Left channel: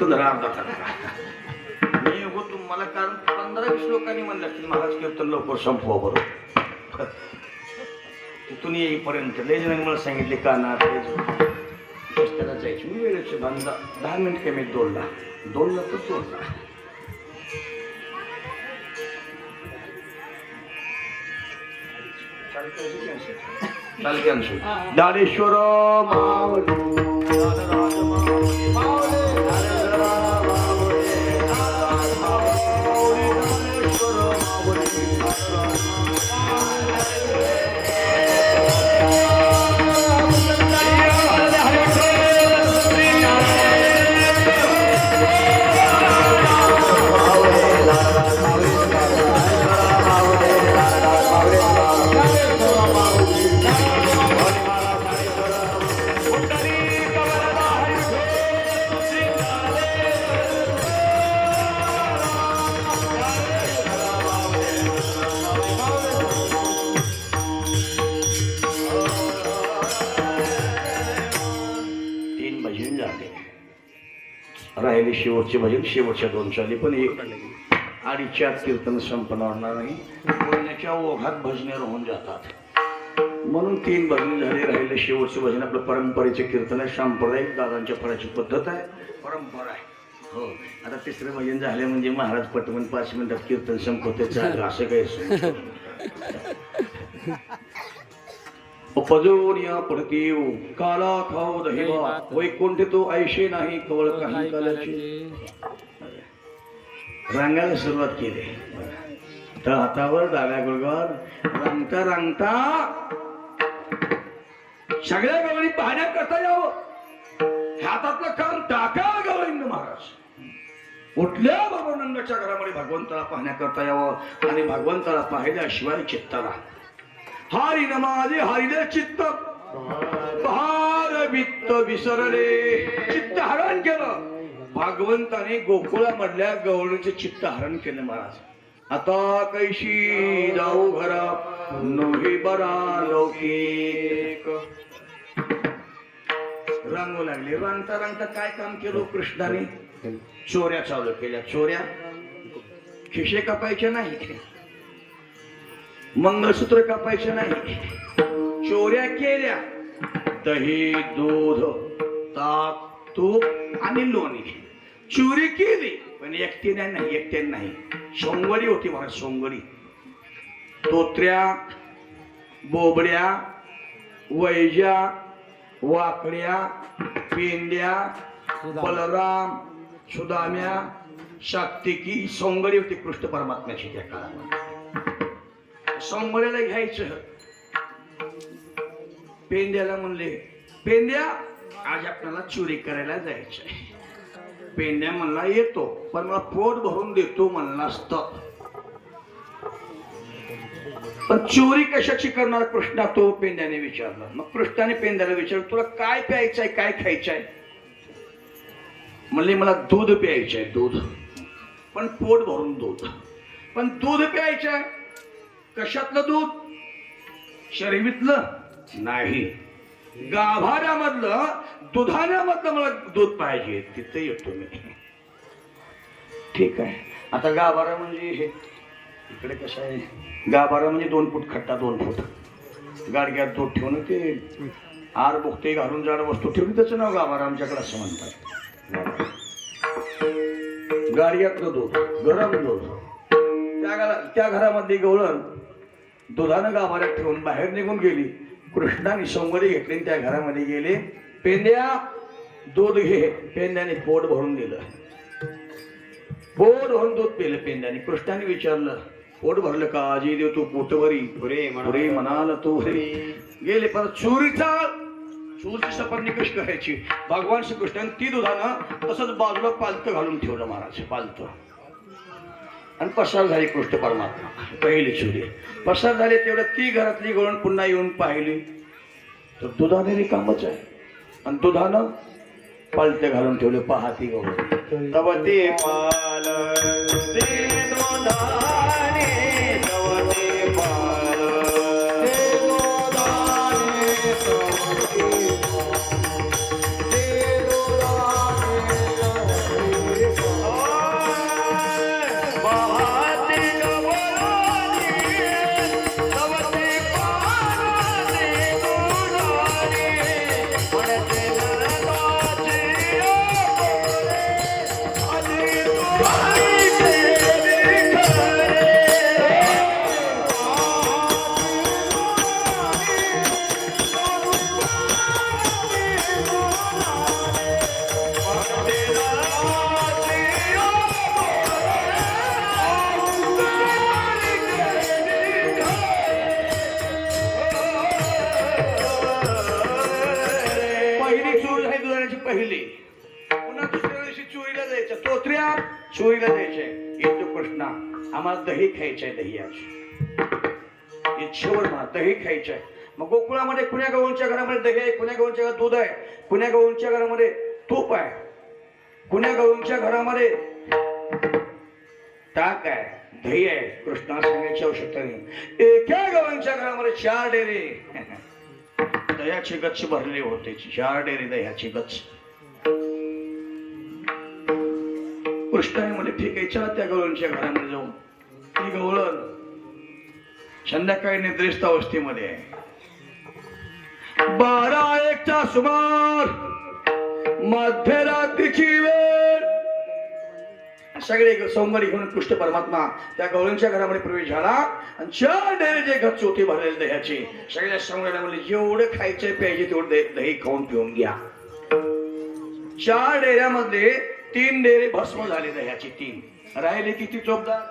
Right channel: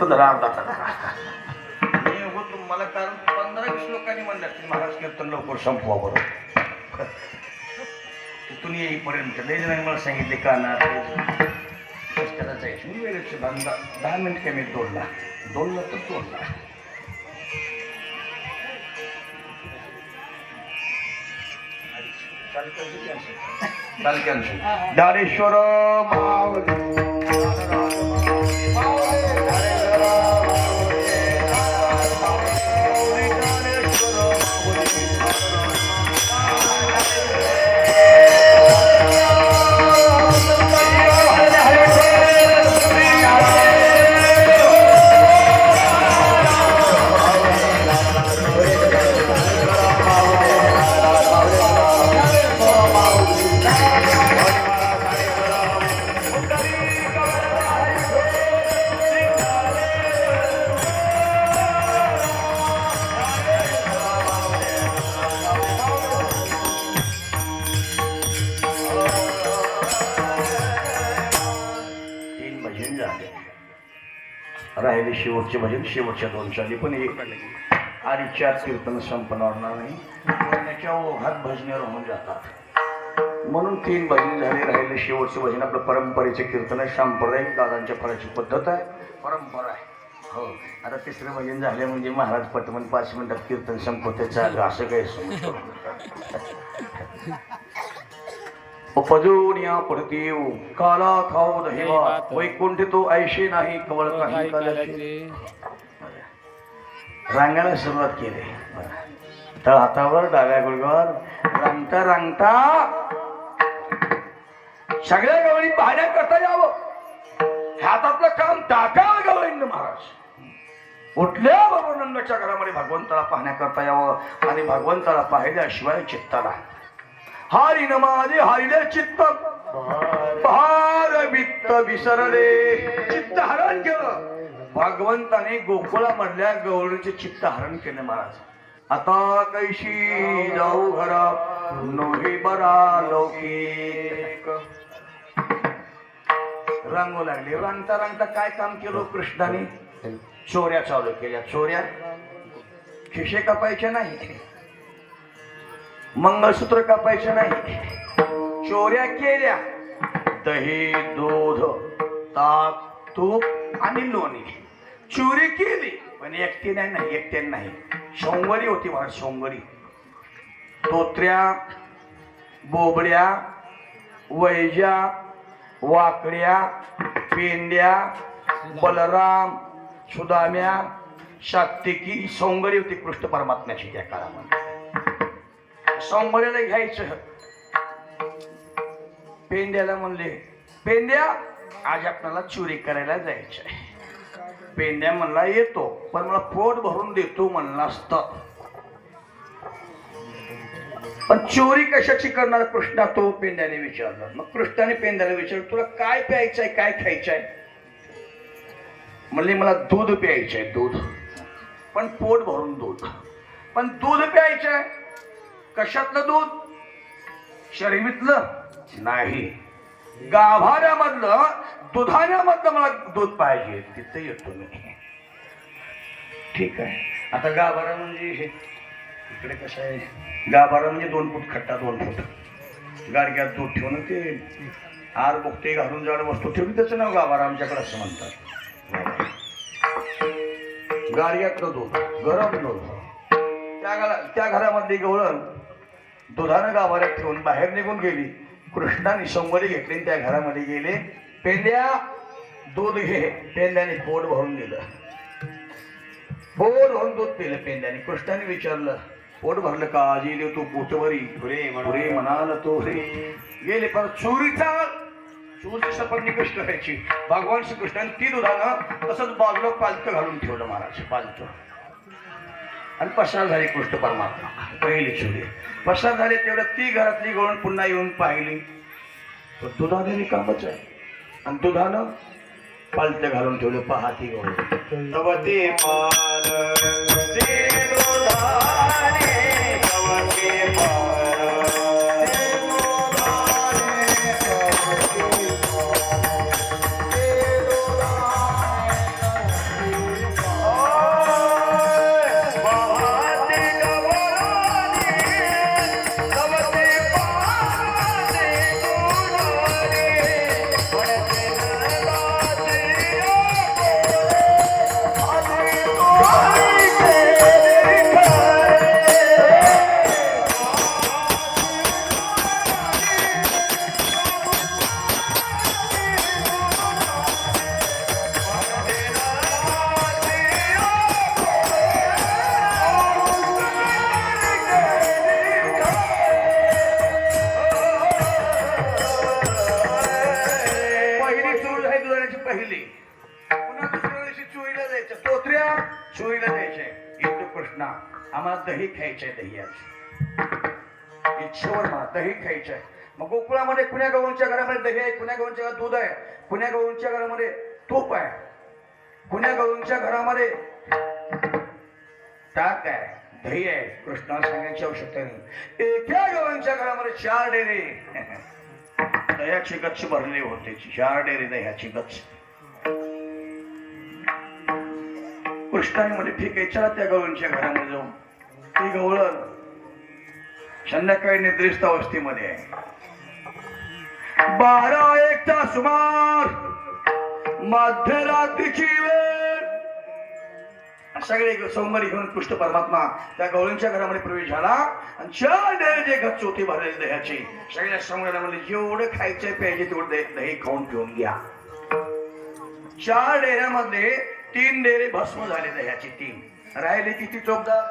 कीर्तन झालं अर्धा तास मी उगो तुम्हाला कारण 15-20 लोकांनी म्हणलं की महाराज कीर्तन लवकर संपवा बरोबर तिथून येईपर्यंत लय जणांनी मला सांगितले काना त्याला जायची मी वेळेचे 10 मिनिट कमी 2ला तर 2ला चाल कॅन्सल दानेश्वर राहिले शेवटचे भजन शेवटच्या 2 चाली पण 1-2 कीर्तन संपणार नाही बोलण्याच्या ओघात भजने राहून जातात म्हणून 3 भजन झाले राहिले शेवटचे भजन आपलं परंपरेचे कीर्तन आहे सांप्रदायिक दादांच्या फळाची पद्धत आहे परंपरा आहे हो आता 3रं भजन झाले म्हणजे महाराज पटमन 5 मिनिटात कीर्तन संपवते चाललं असं काही उपजोनिया पडतीव काला खाऊ दहिवा वैकुंठ तो ऐशे नाही कवळ काही कालाचे रांगायला सुरुवात केली तर हातावर डाव्या गुडघ्यावर रांगता रांगता सगळ्या गवळी पाहण्याकरता यावं हातातलं काम टाकावं गवळींना महाराज उठल्या बरोबर नंदाच्या घरामध्ये भगवंताला पाहण्याकरता यावं आणि भगवंताला पाहिल्याशिवाय चित्ताला हारी न माझे हारिले चित्त भार वित्त विसरले चित्त हरण केलं भगवंताने गोकुळा मधल्या गवळीचे चित्त हरण केले महाराज आता कैशी जाऊ घरा नोही बरा लौकिक रंगू लागली रंगता रंगता काय काम केलं कृष्णाने चोऱ्या चालू केल्या चोऱ्या खिशे कापायचे नाही मंगळसूत्र कापायचे नाही चोऱ्या केल्या दही दूध ताक तूप आणि लोणी चोरी केली पण एकट्याने नाही सोंगरी होती महाराज सोंगरी तोत्र्या बोबड्या वैजा वाकड्या पेंड्या बलराम सुदाम्या सात्विकी सोंगरी होती कृष्ण परमात्म्याची त्या काळामध्ये सोमवारीला घ्यायचं पेंड्याला म्हणले पेंड्या आज आपल्याला चोरी करायला जायचंय पेंड्या म्हणला येतो पण मला पोट भरून देतो म्हणला असतं पण चोरी कशाची करणार कृष्णा तो पेंड्याने विचारला मग कृष्णाने पेंड्याला विचारलं तुला काय प्यायचंय काय खायचंय म्हणले मला दूध प्यायचंय दूध पण पोट भरून दूध पण दूध प्यायचंय कशातलं दूध शर्यतीतलं नाही गाभाऱ्यामधलं दुधाण्यामधलं मला दूध पाहिजे तिथे येतो मी ठीक आहे आता गाभारा म्हणजे हे इकडे कसं आहे गाभारा म्हणजे 2 फूट खट्टा 2 फूट गाडग्यात दूध ठेवून ते आर बुकते घालून जाड वस्तू ठेवली त्याचं नाव गाभारा आमच्याकडे असं म्हणतात गाडग्यातलं दूध गरम दूध त्या घरामधली गवळण दुधानं गाभाऱ्यात ठेवून बाहेर निघून गेली कृष्णाने सोमवारी घेतली त्या घरामध्ये गेले पेंड्या दूध घे पेंड्याने पोट भरून दिलं पोट भरून दूध पिलं पेंड्याने कृष्णाने विचारलं पोट भरलं का आजी देव तू पोटभरी पुढे म्हणाल तो गेले परत चोरीची सपाटणी कशी करायची भगवान श्रीकृष्णाने ती दुधानं तसंच बाजूला पालतं घालून ठेवलं महाराज पालतं आणि पसार झाली कृष्ण परमात्मा पहिली चोरी पसार झाले तेवढ्या ती घरातली गवळण पुन्हा येऊन पाहिली तर दुधाने रिकामच आहे आणि दुधानं पालते घालून ठेवले पहाती गवळण तव ते पाल ते दुधाने तव ते पाल ते दुधाने तव ते पाल ते दुधाने द्यायचं, तोत्र्या चोरीला द्यायचे. येतो कृष्णा, आम्हाला दही खायचंय, दही आज इच्छेवर मा दही खायचंय. मग गोकुळामध्ये कुण्या गवळींच्या घरामध्ये दही आहे, कुण्या गवळींच्या घरात दूध आहे, कुण्या गवळींच्या घरामध्ये तूप आहे, कुण्या गवळींच्या घरामध्ये ताक आहे, दही आहे. कृष्णा सांगायची आवश्यकता नाही. एका गवळींच्या घरामध्ये 4 डेरे दह्याची गच्च भरली होते. 4 डेरे दह्याची गच्च. कृष्णाने म्हणजे ठीक आहे, चला त्या गवळींच्या घरामध्ये जाऊन. ती गवळण संध्याकाळी निद्रिस्त अवस्थेमध्ये आहे. 12-1चा सुमार, मध्यरात्रीची वेळ. सगळे सोमवारी घेऊन कृष्ण परमात्मा त्या गवळींच्या घरामध्ये प्रवेश झाला आणि 4 डेरे जे गच्च होते भरलेले दह्याचे, सगळ्या सोमवाराला म्हणले जेवढं खायचे प्यायचे तेवढं दही खाऊन पिऊन घ्या. 4 डेऱ्यामध्ये 3 डेरे भस्म झाले दह्याचे. 3 राहिले किती चोपदार.